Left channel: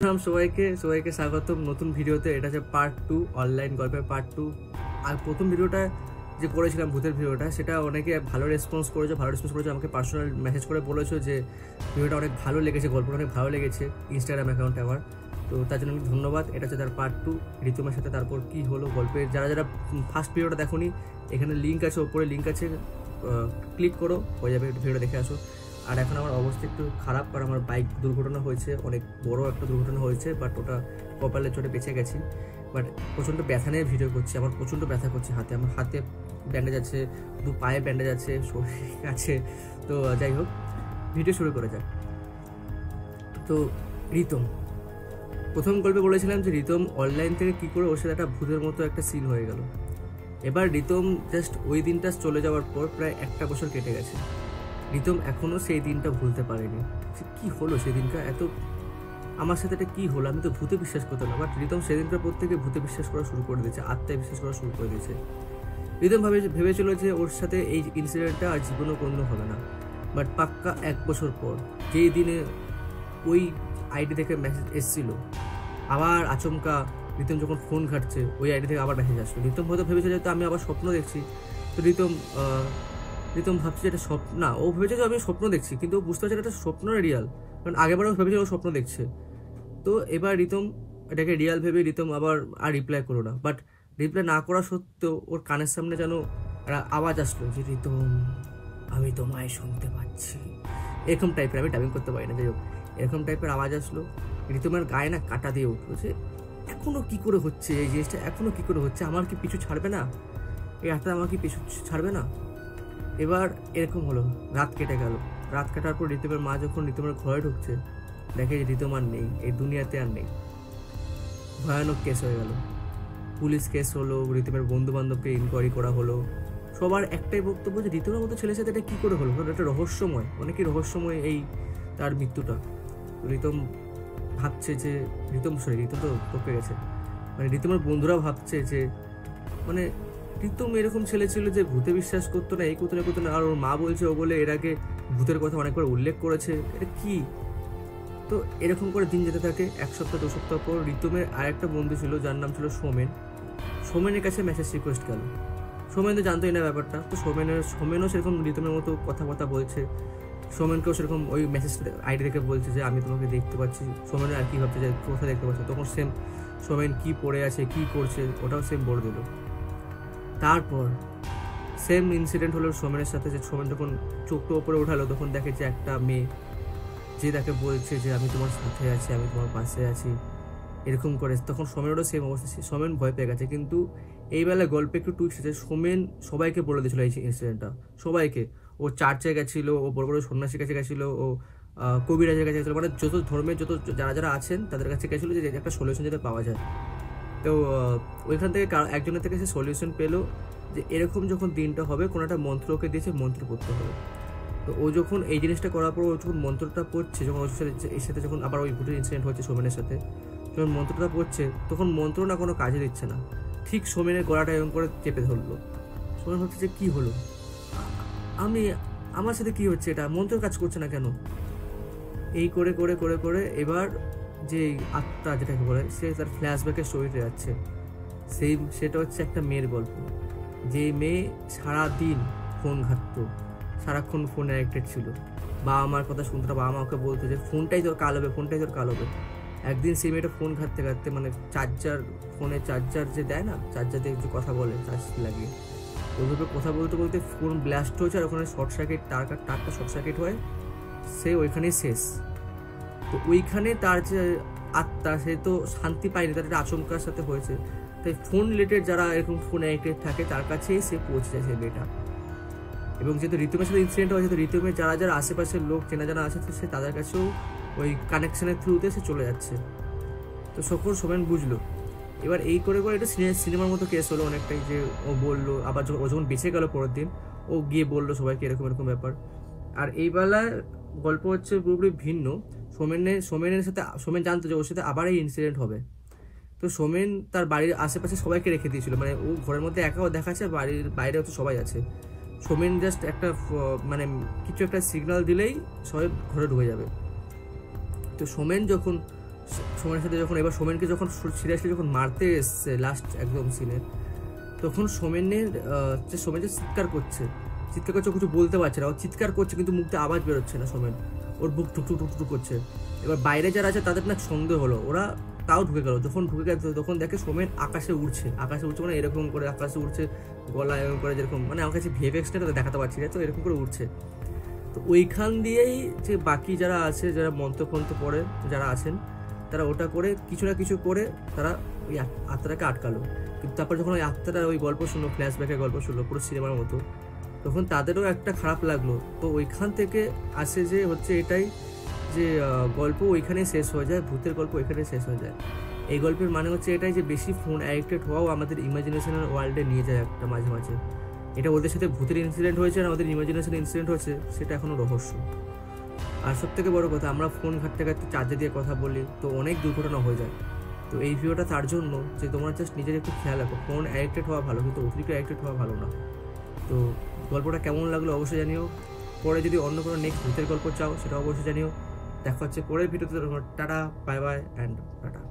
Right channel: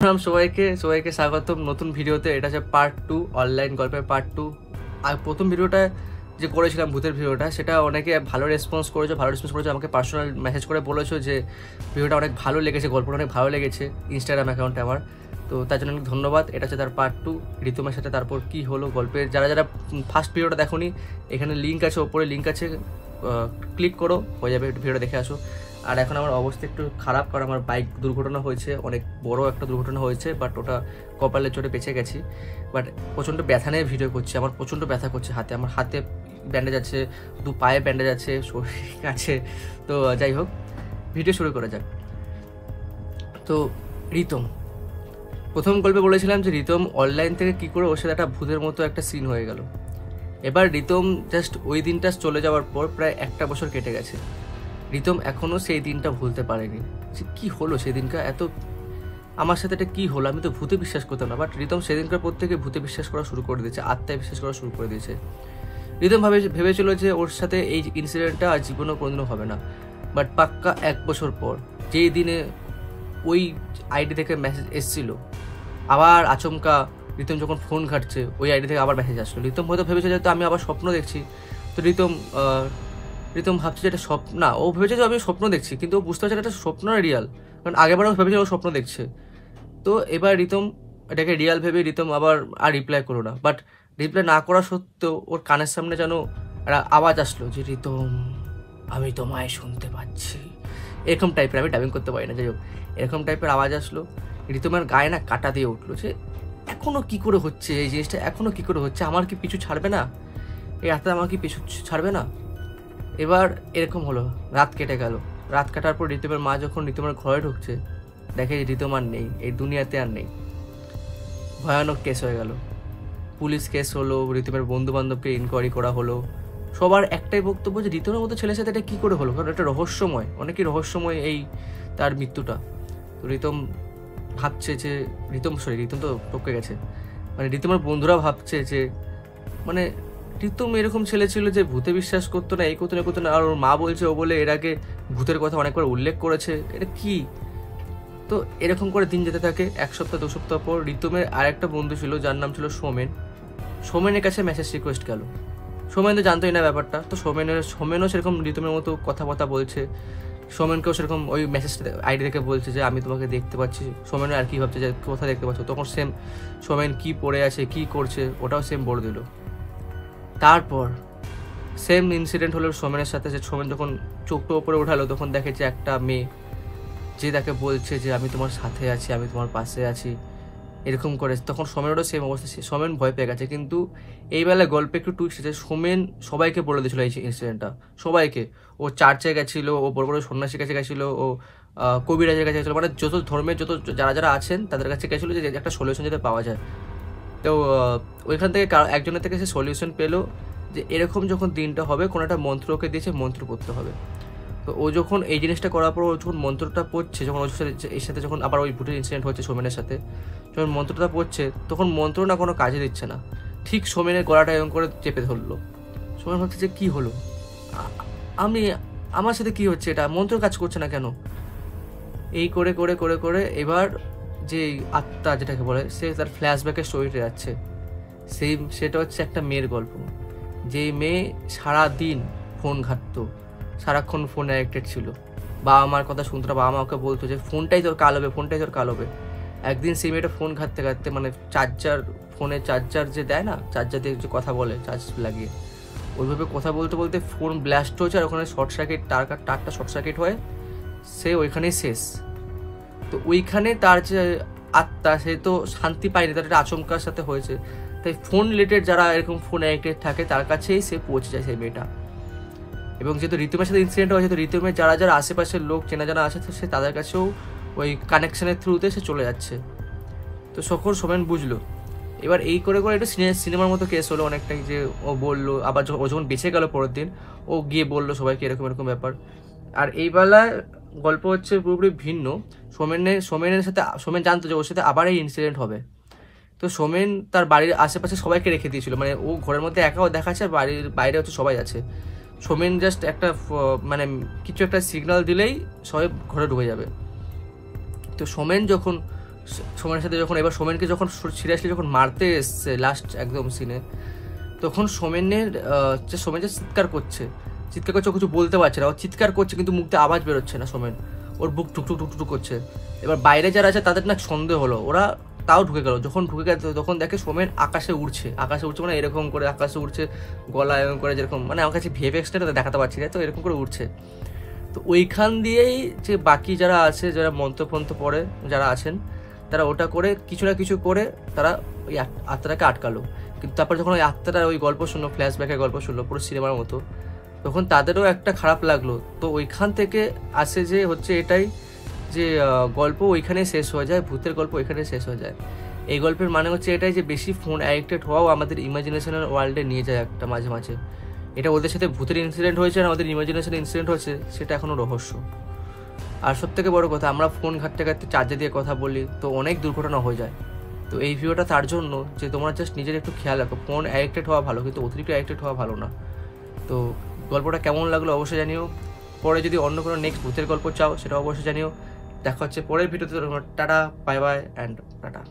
সবাইকে স্বাগতম নতুন ভিডিওতে। এটা হচ্ছে পার্ট 2, অনলাইন গল্পের পার্ট 2। আর প্রথম ভিডিওটা যে করেছিলাম ভূতের ভিডিওটা, সেটা অনেকে ভালো রেসপন্স করেছে। আমাকে পার্সোনাল মেসেজ করে বলেছো যে ভিডিওটা অনেক ভালো লেগেছে, গল্পটা অনেক ভালো লেগেছে ইনস্টাগ্রাম অ্যাকাউন্টে আমার। তো তার জন্য অনেক ধন্যবাদ। এটা হচ্ছে তার পার্ট 2, ঋতুমের সাথে তারপর কি হলো গল্পের। যারা ফার্স্ট ভিডিওটা দেখোনি, এখানে লিঙ্ক আছে, ওপরে লিঙ্ক আছে, ক্লিক করো, হয়ে যাবে, ভিডিওটা দেখে আসো। আর এখন আমার অবস্থা একটু খারাপ, কারণ আমার বাইক দুর্ঘটনা হয়েছে, অনেক বড় একটা দুর্ঘটনা হয়েছে। বাট ওটা কপালের চোটে বেঁচে গেছি। বাট প্রচণ্ড ব্যথা নিয়ে ভিডিও করছি, আমার প্রচণ্ড ব্যথা করছে হাতে। আমার হাতে ব্যান্ডেজ আছে, দু পায়ে ব্যান্ডেজ আছে, শরীর আছে। তো যাই হোক, ভিডিও শুরু করা যাক। তো রিতম, প্রথম গল্পে বলেছিলাম যে রিতম অনলাইন থেকে কী করে ওর সাথে একটা ভূতের মতো একটা সিন হয়ে গেল। এবার রিতম জাস্ট ওই দিনটা চলে যাওয়ার পর প্রায় 1 বছর কেটে গেছে। রিতম এখনও সেই দিনটা ভুলতে পারেনি। যে কী হলো সেদিনকার, এত আমার সাথে এটা কী হলো, আমি তো ভূতে বিশ্বাস করতাম না। বাট রিতম সেদিনকার পর থেকে ভূতে বিশ্বাস করা শুরু করে দিয়েছে, আত্মায় বিশ্বাস করা শুরু করে দিয়েছে। রিতম ভেবেছিল যে ওর সাথে এই ইনসিডেন্টটা আর জীবনেও কোনোদিনও হবে না। বাট পাক্কা 1 বছর পর, যেই দিনে ওই আইডি থেকে মেসেজ এসেছিলো, আবার আচমকা রিতম যখন ফোন ঘাটছে, ওই আইডি থেকে আবার মেসেজ আসলো। রিতম হয়তো ভেবেছে যে আমি আবার স্বপ্ন দেখছি। তো রিতম ভাবছে যে এটা স্বপ্ন না, ও ভেবেছে যে আমি স্বপ্ন দেখছি, কিন্তু ও বুঝতে পারছে এটা স্বপ্ন না রিয়াল। কারণ আগেবারও ভেবেছে ও স্বপ্ন দেখছে। তো এবার রিতম এটাকে রিয়াল ভেবে রিতম আবার আর রিপ্লাই করলো না। বাট রিপ্লাই না করা সত্ত্বেও ওর কানের সামনে যেন একটা আওয়াজ আসলো যে রিতম, আমি তোমায় শুনতে পাচ্ছি, এরকম টাইপের। আমি টাইপিং করতে পারি না, যাই হোক, এরকম টাইপের আওয়াজ আসলো। রিতমের গায়ে না কাটা দিয়ে উঠলো যে এখনও কী করে হচ্ছে এই জিনিসটা, এখনও কী করে হচ্ছে, আমার কি পিছু ছাড়বে না, এই রাতে আমার কি পিছু ছাড়বে না। এবার এরকম হলো, রাত কেটে গেল। রাত কাটার পর রিতমের মা যখন রিতমের ঘরে ঢুকছে, দেখে রিতম আর নেই, এই দুনিয়াতে আর নেই। ভয়ানক কেস হয়ে গেল, পুলিশ কেস হলো, রিতমের বন্ধু বান্ধবকে ইনকোয়ারি করা হলো। সবার একটাই বক্তব্য যে রিতমের মতো ছেলের সাথে এটা কী করে হলো, কারণ এটা রহস্যময়, অনেকই রহস্যময় এই তার মৃত্যুটা। তো রিতম ভাবছে যে রিতম তো টপকে গেছে, মানে রিতমের বন্ধুরা ভাবছে যে মানে রিতম এরকম ছেলে ছিল যে ভূতে বিশ্বাস করতো না, এই করতো না। আর ওর মা বলছে ও বলে এর আগে ভূতের কথা অনেকবার উল্লেখ করেছে, এটা কি। তো এরকম করে দিন যেতে থাকে। 1 সপ্তাহ 2 সপ্তাহ পর রিতমের আরেকটা বন্ধু ছিল, যার নাম ছিল সোমেনের কাছে মেসেজ রিকোয়েস্ট গেল। সোমেন তো জানতোই না ব্যাপারটা। তো সোমেনও সেরকম রিতমের মতো কথা বলছে। সোমেনকেও সেরকম ওই মেসেজটা আইডি থেকে বলছে যে আমি তোমাকে দেখতে পাচ্ছি। সোমেনও আর কি ভাবছে যে কোথায় দেখতে পাচ্ছ, তখন সেম সোমেন কী পড়ে আছে, কী করছে, ওটাও সেম বলে দিল। তারপর সেম ইনসিডেন্ট হলো সোমেনের সাথে, যে সোমেন যখন চোখটা ওপরে উঠালো, তখন দেখে যে একটা মেয়ে যে তাকে বলছে যে আমি তোমার সাথে আছি, আমি তোমার পাশে আছি, এরকম করে। তখন সোমেনেরও সেম অবস্থা, সোমেন ভয় পেয়ে গেছে। কিন্তু এই বেলায় গল্পে একটু টুইস্ট আছে, সোমেন সবাইকে বলে দিয়েছিল এই ইনসিডেন্টটা, সবাইকে। ও চার্চে গেছিলো, ও বড় বড় সন্ন্যাসীর কাছে গেছিলো, ও কবিরাজের কাছে গেছিলো, মানে যত ধর্মের যারা আছেন তাদের কাছে গেছিলো যে একটা সলিউশন যাতে পাওয়া যায়। তো ওইখান থেকে একজনের থেকে সে সলিউশন পেলো যে এরকম যখন দিনটা হবে, কোনো একটা মন্ত্র ওকে দিয়েছে, মন্ত্র পড়তে হবে। তো ও যখন এই জিনিসটা করার পর ও যখন মন্ত্রটা পড়ছে, যখন ওর সাথে এর সাথে যখন আবার ওই ভূতের ইনসিডেন্ট হচ্ছে সোমেনের সাথে, যখন মন্ত্রটা পড়ছে, তখন মন্ত্র না কোনো কাজে দিচ্ছে না। ঠিক সোমেনের গলাটা এরকম করে চেপে ধরলো। সোমেন ভাবছে যে কী হলো, আমার সাথে কি হচ্ছে, এটা মন্ত্র কাজ করছে না কেন। এই করে করে করে করে এবার যে আত্মা যেটাকে বলে, সে তার ফ্ল্যাশব্যাকের স্টোরিতে যাচ্ছে। সেটা হচ্ছে একটা মেয়ের গল্প, যেই মেয়ে সারাদিন ফোন ঘাঁটতো, সারাক্ষণ ফোনে অ্যাডিক্টেড ছিল। বাবা মার কথা শুনতো না, বাবা মা ওকে বলতো যে ফোনটাই তোর কাল হবে। একদিন সেই মেয়েটা ফোন ঘাঁটতে ঘাঁটতে, মানে ফোনে চার্জার যে দেয় না, চার্জার দিয়ে যে কথা বলে চার্জ লাগিয়ে, ওইভাবে কথা বলতে বলতে ফোন ব্লাস্ট হয়েছে। আর ওখানে শর্ট সার্কিট, তারটা শর্ট সার্কিট হয়ে সে ওইখানেই শেষ। তো ওইখানে তার যে আত্মা, সে তো শান্তি পায়নি, তার একটা আচমকার সাথে হয়েছে। তাই ফোন রিলেটেড যারা এরকম ফোন অ্যাডিক্টেড থাকে, তার কাছেই সে পৌঁছে যায় সেই মেয়েটা। এবং যেহেতু ঋতুমের সাথে ইনসিডেন্ট হয়েছে, তো ঋতুমের যারা আশেপাশের লোক চেনা জানা আছে, সে তাদের কাছেও ওই কানেকশনের থ্রুতে সে চলে যাচ্ছে। তো সকল সোমেন বুঝলো। এবার এই করে করে একটু সিনেমার মতো কেস হলো অনেকটাই, যে ও বললো, আবার ও যখন বেঁচে গেল পরের দিন, ও গিয়ে বললো সবাইকে এরকম এরকম ব্যাপার। আর এই বেলায় গল্প হচ্ছে পুরোপুরি ভিন্ন। সোমেনের সাথে সোমেন জানতো যে ওর সাথে আবার এই ইনসিডেন্ট হবে। তো সোমেন তার বাড়ির আশেপাশে সবাইকে রেখে দিয়েছিল, মানে ও ঘরের মধ্যে একাও দেখাচ্ছে, বাড়ির বাইরে হচ্ছে সবাই আছে। সোমেন জাস্ট একটা মানে কিছু একটা সিগন্যাল দিলেই সবাই ঘরে ঢুকে যাবে। তো সোমেন যখন সোমেনের সাথে যখন এবার সোমেনকে যখন সিরিয়াসলি যখন মারতে এসছে লাস্ট একদম সিনে, তখন সোমেন যে চিৎকার করছে ও কিছু বলতে পারছে না, ও চিৎকার করছে কিন্তু মুখ থেকে আওয়াজ বেরোচ্ছে না সোমেন, ওর বুক টুকটুক টুকটুক করছে। এবার বাইরে যারা আছে তাদের না সন্দেহ হলো, ওরা তাও ঢুকে গেল। যখন ঢুকে গেল তখন দেখে সোমেন আকাশে উঠছে মানে এরকম করে আকাশে উঠছে, গলা এরকম করে, যেরকম মানে আমার কাছে ভিএফএক্সটা দেখাতে পারছি না, তো এরকম করে উঠছে। তো ওইখান দিয়েই যে বাকি যারা আছে, যারা মন্ত্রফন্ত্র পড়ে যারা আছেন, তারা ওটা করে কিছু না কিছু করে তারা ওই আত্মাটাকে আটকালো। কিন্তু তারপর যখন ওই আত্মাটা ওই গল্প শুনলো, ফ্ল্যাশব্যাকের গল্প শুনলো পুরো সিনেমার মতো, তখন তাদেরও একটা খারাপ লাগলো। তো ওইখান থেকে আসে যে হচ্ছে এটাই যে গল্প ওইখানে শেষ হয়ে যায়, ভূতের গল্প ওইখানে শেষ হয়ে যায়। এই গল্পের মানে হচ্ছে এটাই যে বেশি ফোন অ্যাডিক্টেড হওয়াও আমাদের ইমাজিনেশনাল ওয়ার্ল্ডে নিয়ে যায় একটা মাঝে মাঝে। এটা ওদের সাথে ভূতের ইনসিডেন্ট হয়েছে আর আমাদের ইমাজিনেশন ইনসিডেন্ট হয়েছে, সেটা এখনও রহস্য। আর সবথেকে বড় কথা, আমরা ফোন ঘাটতে ঘাটতে চার্জে দিয়ে কথা বলি, তো অনেক দুর্ঘটনা হয়ে যায়। তো এই ভিডিওটা তার জন্য যে তোমরা জাস্ট নিজের একটু খেয়াল রাখো, ফোন অ্যাডিক্টেড হওয়া ভালো কিন্তু অতিরিক্ত অ্যাডিক্টেড হওয়া ভালো না। তো গল্পটা কেমন লাগলো অবশ্যই জানিও। পরে যদি অন্য কোনো নেক্সট ভূতের গল্প চাও সেটা অবশ্যই জানিও। দেখা হচ্ছে পরের ভিডিওতে। Tata, bye bye and tata.